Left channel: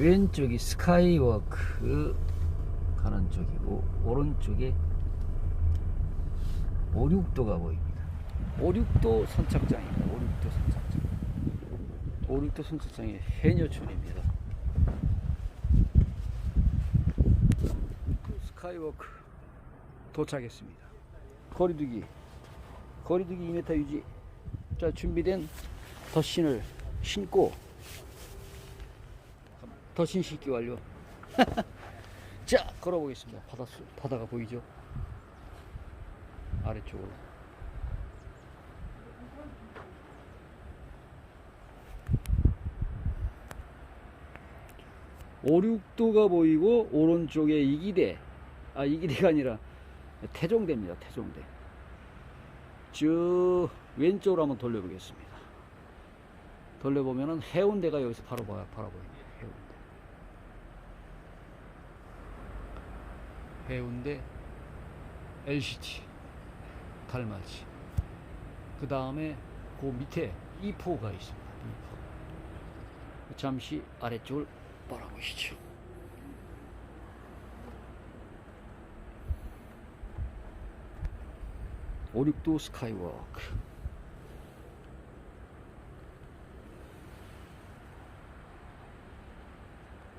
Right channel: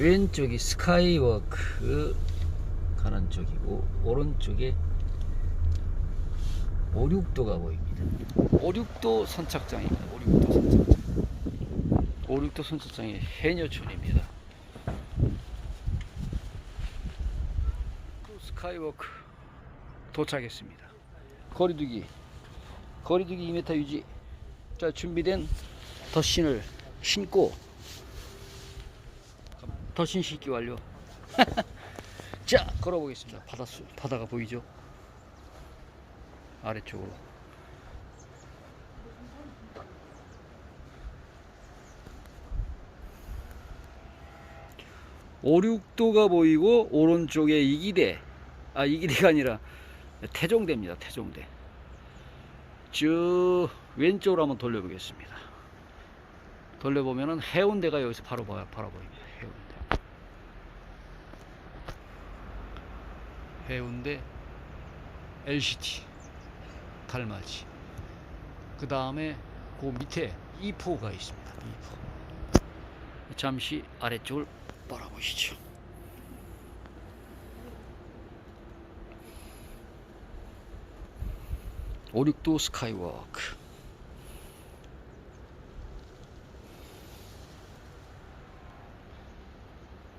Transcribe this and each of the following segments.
왼쪽이 스카이워크 가는 쪽이고 오른쪽에 오륙도가 보입니다. 오륙도 선착장입니다. 오륙도 선착장. 오륙도 선착장의 해녀촌입니다. 스카이워크 도착했습니다. 거리두기 거리두기 2m 유지. 자 준비된 덧신을 신고 덧신 신기 완료. 자 걸어보겠습니다. 바다 수 바다가 보이죠? 아래쪽으로. 오륙도가 보이고 오른쪽에 이기대 아 이기대가 아니라 태종대입니다 태종대 쭉 왼쪽으로 한번 돌려보겠습니다 돌려보면은 해운대가 여기서 바로 봐- 바라 보입니다 해운대 해운대 LCT 달맞이 그 다음에 그 밑에 이포가 있습니다. 이포. 잠시 아래쪽을 바라보시죠. 오륙도 스카이워크.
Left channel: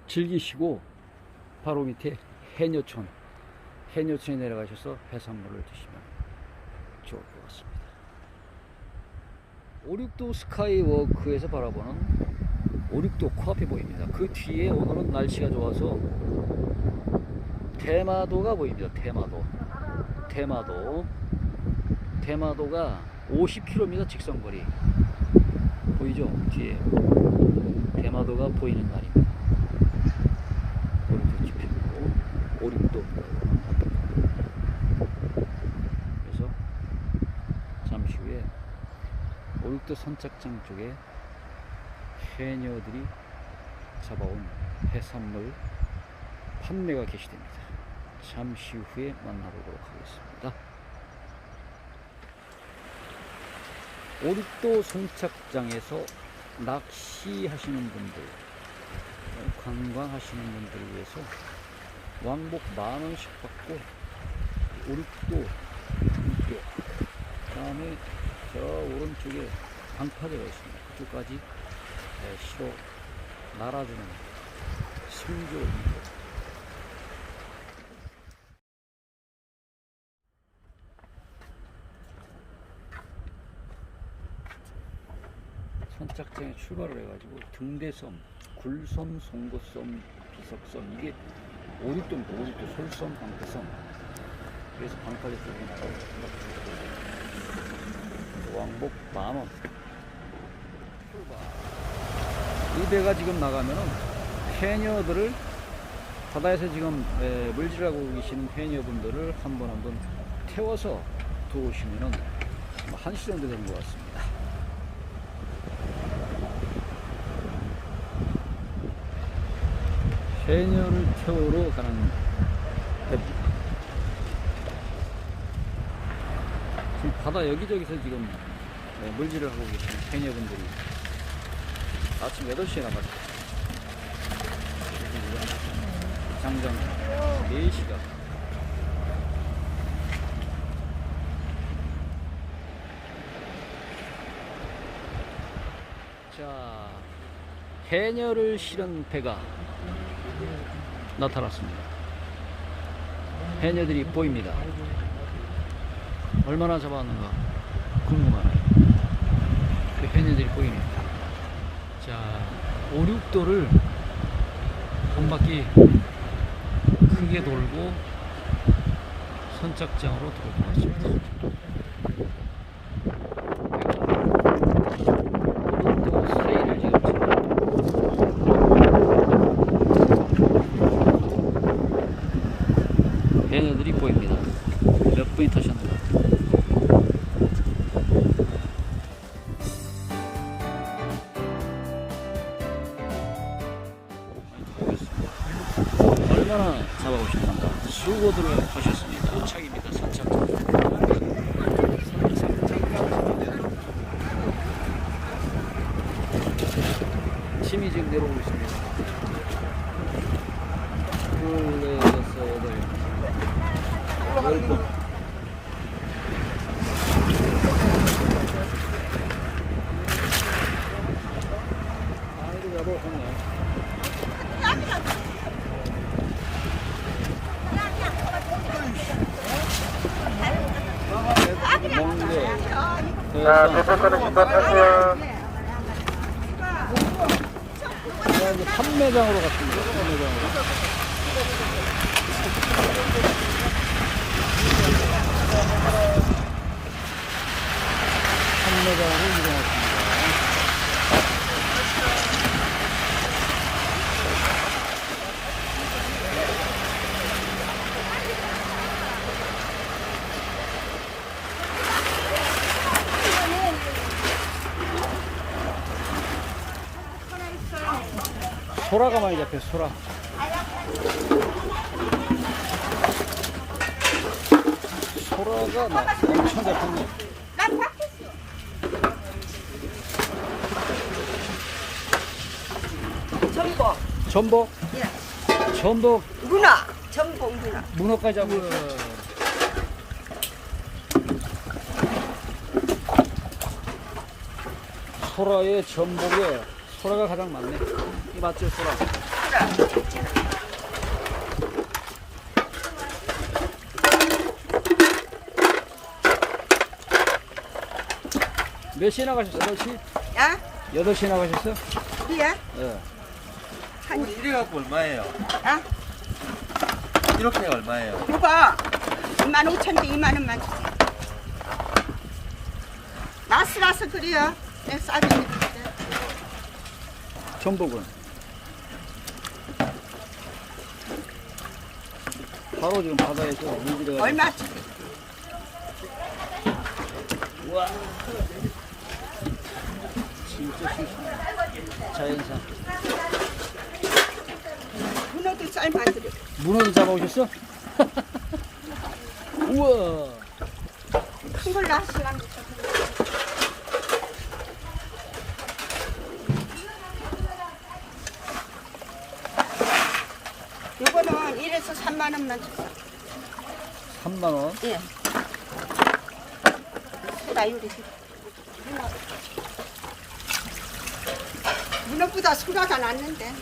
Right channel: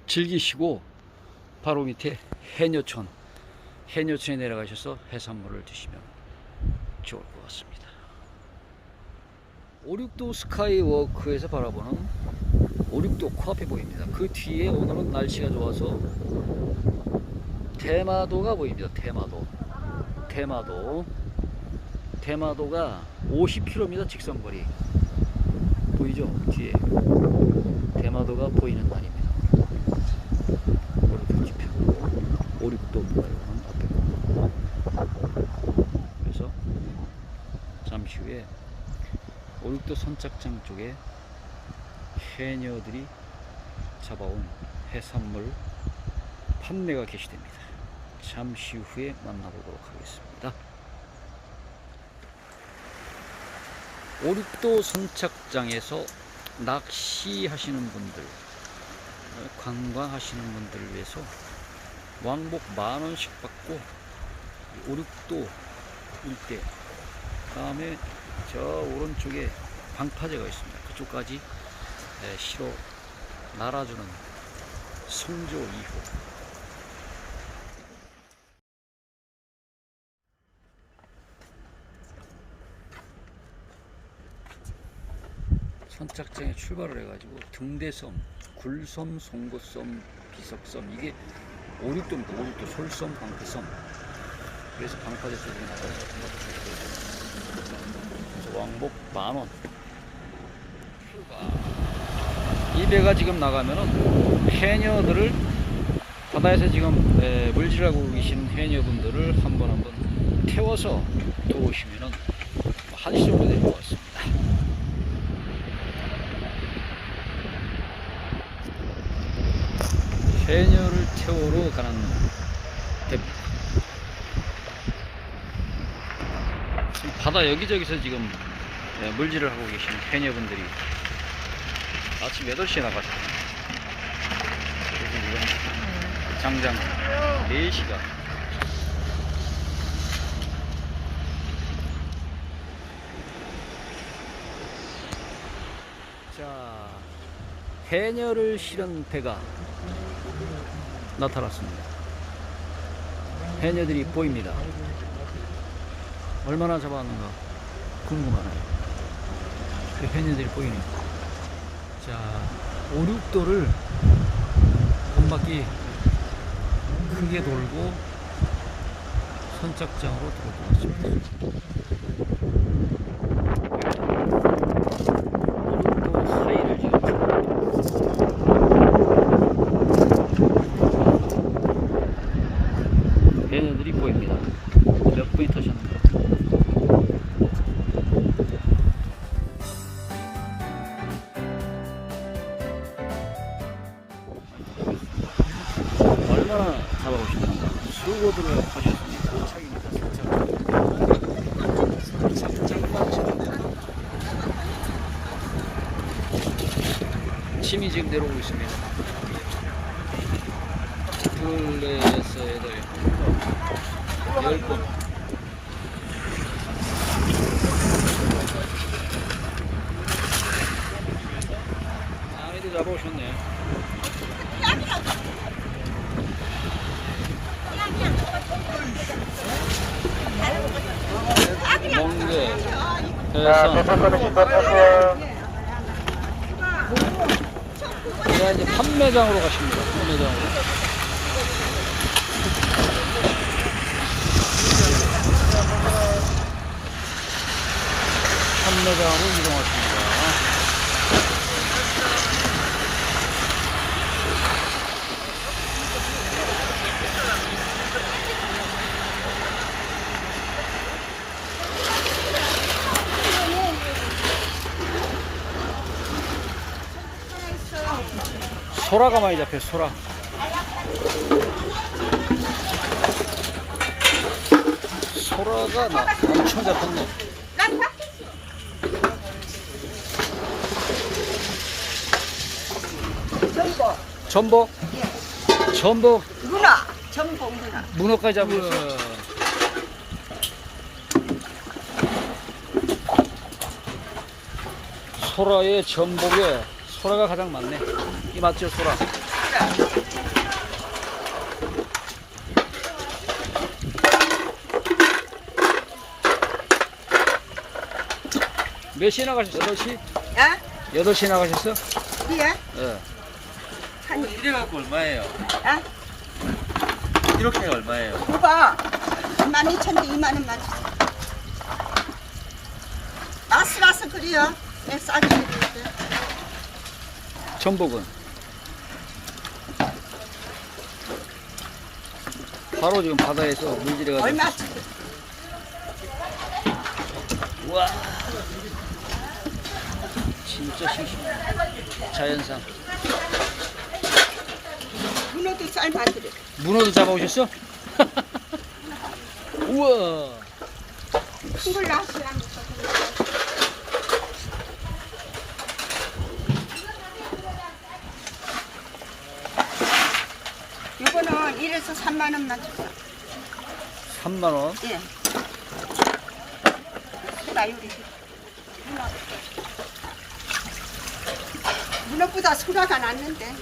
즐기시고 바로 밑에 해녀촌 해녀촌에 내려가셔서 해산물을 드시면 좋을 것 같습니다. 오륙도 스카이워크에서 바라보는 오륙도 코앞에 보입니다. 그 뒤에 오늘은 날씨가 좋아서 대마도가 보입니다. 대마도. 대마도. 대마도가 50km 직선거리 보이죠? 뒤에. 대마도가 보이는 날입니다. 오륙도 오륙도입니다. 이거는 앞에 거. 그래서 잠시 후에 오륙도 선착장 쪽에 해녀들이 잡아온 해산물 판매가 개시됩니다. 잠시 후에 만나보도록 하겠습니다. 오륙도 선착장에서 낚시하시는 분들, 어, 관광하시는 분들을 위해서 왕복 만 원씩 받고 오륙도 일대, 다음에 저 오른쪽에 방파제가 있습니다. 그쪽까지 에, 실어 날아주는 성조 2호. 선착장에 출발을 해가지고 등대섬, 굴섬, 송곳섬, 비석섬 이게 오륙도입니다. 오륙도 솔섬, 방패섬. 그래서 방파제 쪽으로 나가서 그래서 왕복 만 원. 출발. 이 배가 지금 나가면은 해녀들을 바다에서 지금 에, 물질하고 계신 해녀분들을 한번 한번 태워서 도우시면은 한시 정도 될것 같습니다. 해녀를 태우러 가는 배입니다. 지금 바다 여기저기서 지금 예, 물질을 하고 계신 해녀분들이 아침 8시에 나갔어요. 지금 장장 4시가 자, 해녀를 실은 배가 나타났습니다. 해녀들이 보입니다. 얼마나 잡았는가 궁금하네요. 그 해녀들이 보이네요. 자, 오륙도를 한 바퀴 크게 돌고 선착장으로 들어올 것 같습니다. 오륙도 사이를 지금 지나갑니다. 보입니다. 몇 분이 타셨는가? 얼마나 잡아오셨는가? 수고들을 하셨습니다. 도착입니다. 도착입니다. 침이 지금 내려오고 있습니다. 둘, 넷, 여덟, 열 번. 아이들 잡아오셨네. 멍게. 네, 이제 판매장으로 가십니다. 판매장으로. 판매장으로 이동하십니다. 소라가 많이 잡혀, 소라. 소라가 나 엄청 잡혔네. 전복, 전복? 전복, 문어, 전복 문어. 문어까지 잡혔어. 소라에 전복에 소라가 가장 많네. 이 맞죠, 소라? 몇 시에 나가셨어? 8시? 야, 8시에 나가셨어? 이게 예. 한, 이래 갖고 얼마예요? 야, 이렇게 얼마예요? 그거 2만 5천 대 2만 원만 주세요. 마스 마스 그래요. 네, 싸게 드리는데. 전복은 바로 지금 바다에서 물질해가지고 얼마? 우와 진짜 싱싱해 자연산 문어도 삶아 드려. 문어도 잡아오셨어? 우와 큰 걸로 하시라니까. 이거는 1에서 3만 원만 주세요. 3만 원 예. 나 요리. 문어. 문어보다 소라가 낫는데.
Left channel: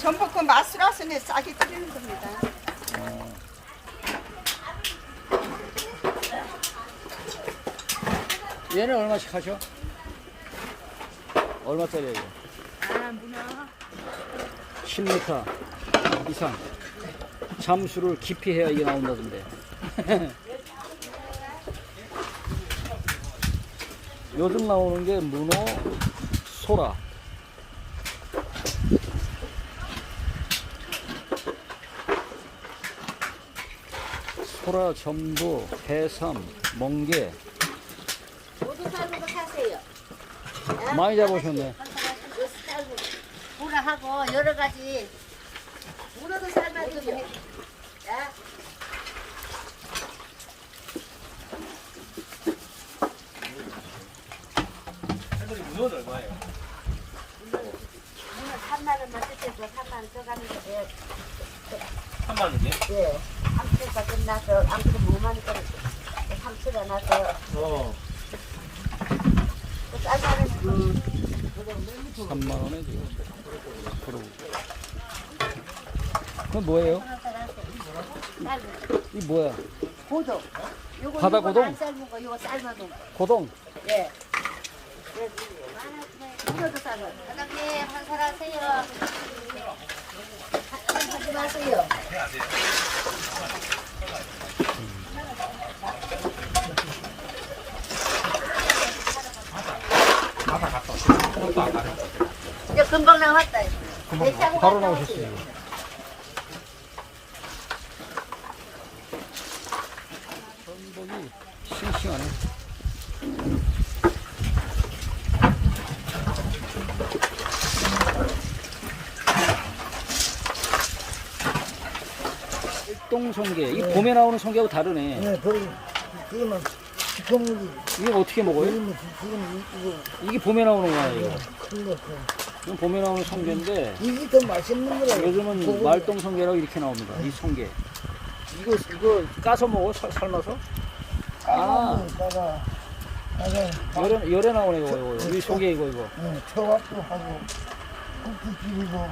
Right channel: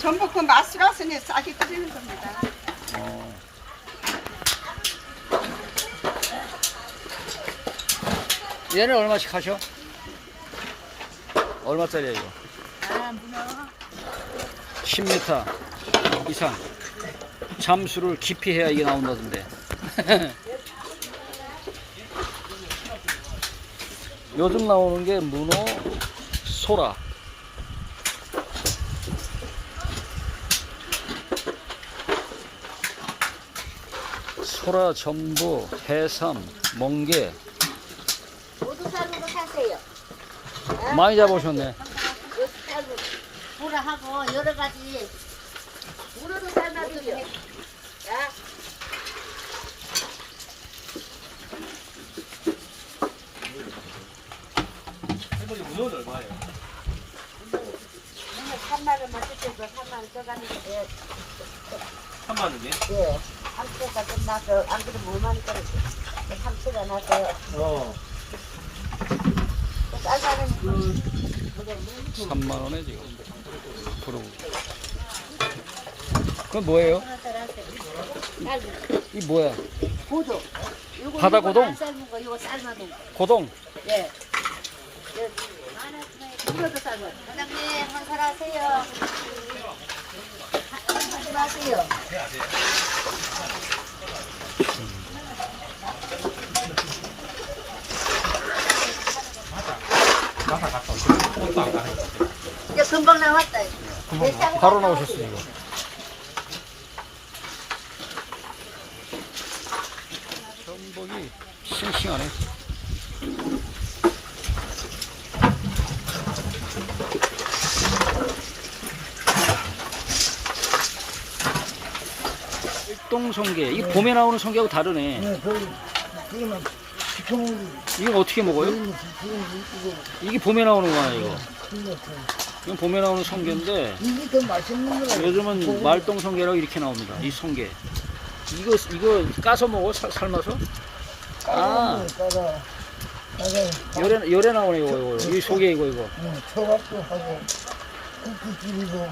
전복은 맛술라서 내 싸게 끓이는 겁니다. 어. 얘는 얼마씩 하셔? 얼마짜리야 이거? 아, 문어. 10m 이상 잠수를 깊이 해야 이게 나온다던데 요즘 나오는 게 문어, 소라 소라, 전부, 해삼, 멍게 모두 삶으로 사세요. 많이 잡으셨네 보라하고 여러 가지 문어도 삶아드려. 문어는 얼마예요? 문어 3만 원만 주셔도 3만 원 써가는 게 3만 원이요? 예. 암수가 끝나서 안 그러면 5만 원 떨어져. 삼수가 나서 어. 쌀가는 3만 원에 지금 앞으로 그건 뭐예요? 이 뭐야? 고도. 요거 바다 요거 고동? 안 삶은 거, 요거 삶아둔 거. 고동 예. 바로 나오셨어요 전복이 싱싱하네 일동성게 이 봄에 나오는 성게하고 다르네 네, 그, 그거는 시커멓고, 이거 어떻게 먹어요? 그거는 이거, 이게 봄에 나오는 거야 이거 큰거 같아요. 이건 봄에 나오는 성게인데 이게 더 맛있는 거라. 요즘은 말똥 성게라고 이렇게 나옵니다. 이 성게. 이거 이거 까서 먹어 살- 삶아서? 아. 까가 까가 열에 열에 나오네 이거 이거. 이거. 이 속에 이거 이거. 응, 초밥도 하고 국기 찌리고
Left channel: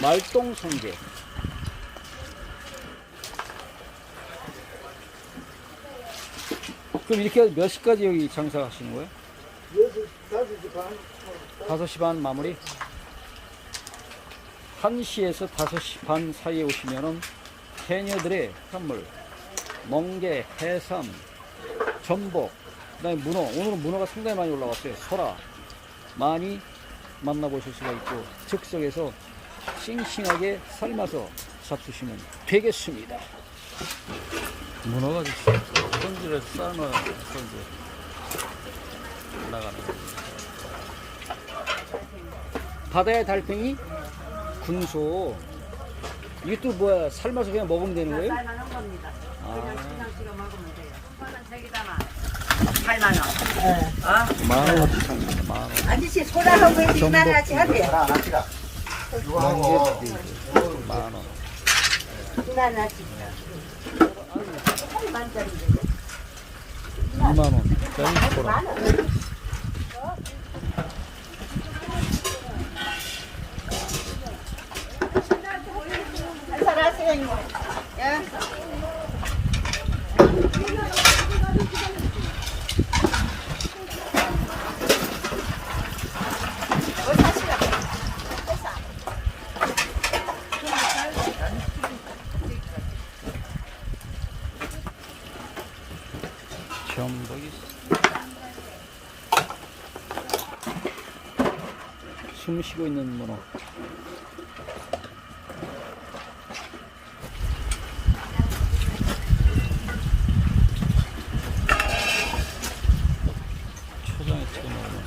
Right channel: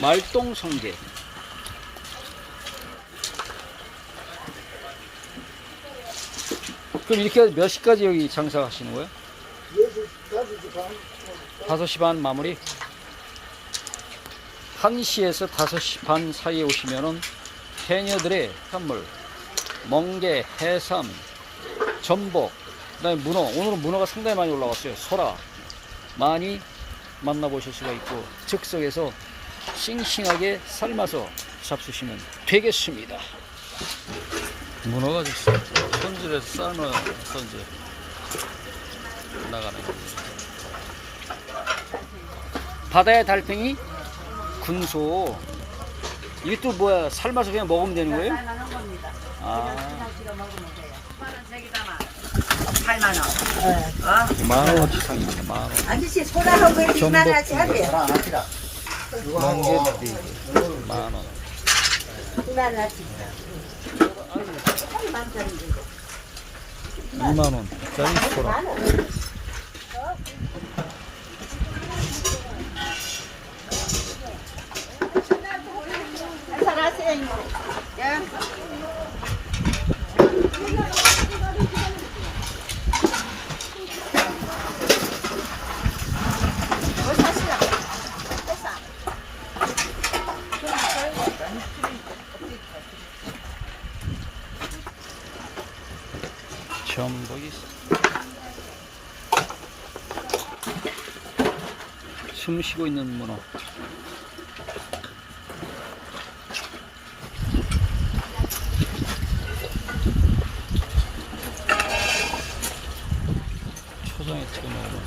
말똥 성게. 그럼 이렇게 몇 시까지 여기 장사하시는 거예요? 여섯 다섯 시 반. 5시 반 마무리. 1시에서 5시 반 사이에 오시면은 해녀들의 선물 멍게, 해삼, 전복, 그다음에 문어. 오늘은 문어가 상당히 많이 올라왔어요. 소라 많이 만나보실 수가 있고 즉석에서 싱싱하게 삶아서 잡수시면 되겠습니다. 문어가 지금 손질해서 삶아서 이제 나가는 겁니다. 바다의 달팽이 군소 이게 또 뭐야 삶아서 그냥 먹으면 되는 거예요? 삶아놓은 겁니다. 아 그냥 찍어 먹으면 돼요. 만원 색이다만 8만 원. 어? 만 원어치 상입니다 만 원. 아저씨 소라하고 왜 전복 2만 원씩 하세요? 멍게 두만 원. 2만 원씩. 2만 원짜리 소라. 한잔 하세요, 이모. 예. 전복이 숨 쉬고 있는 문어. 초장에 찍어 먹으면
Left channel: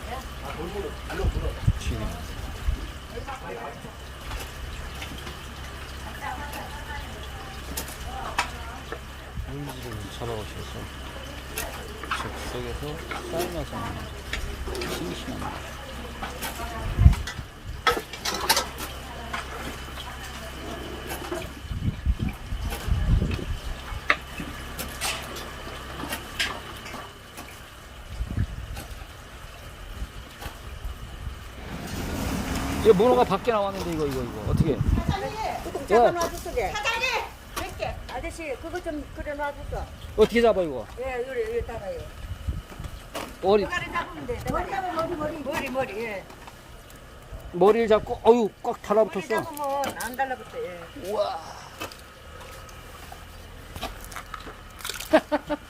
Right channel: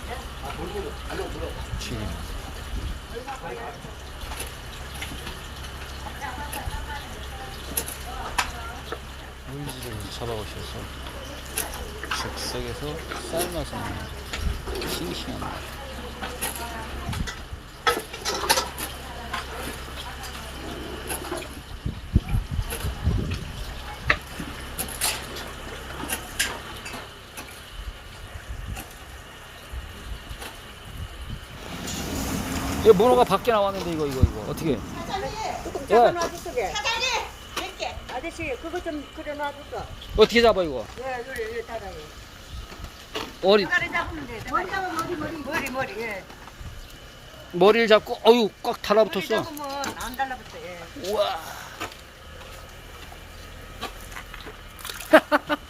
죽입니다. 물질을 잡아오셔서 즉석에서 삶아서 먹는 싱싱한 맛. 이거 문어가 밖에 나왔는데 이거 이거 이거 어떻게? 예 사장님! 아저씨 그거 좀 그래 놔줄까? 어떻게 잡아 이거? 예, 요래 요래 따라요. 머리 머리 잡으면 돼. 머리 잡으면 머리 머리 머리 머리 예. 머리를 잡고 어유 꽉 머리 달라붙었어. 잡으면 안 달라붙어. 예. 우와.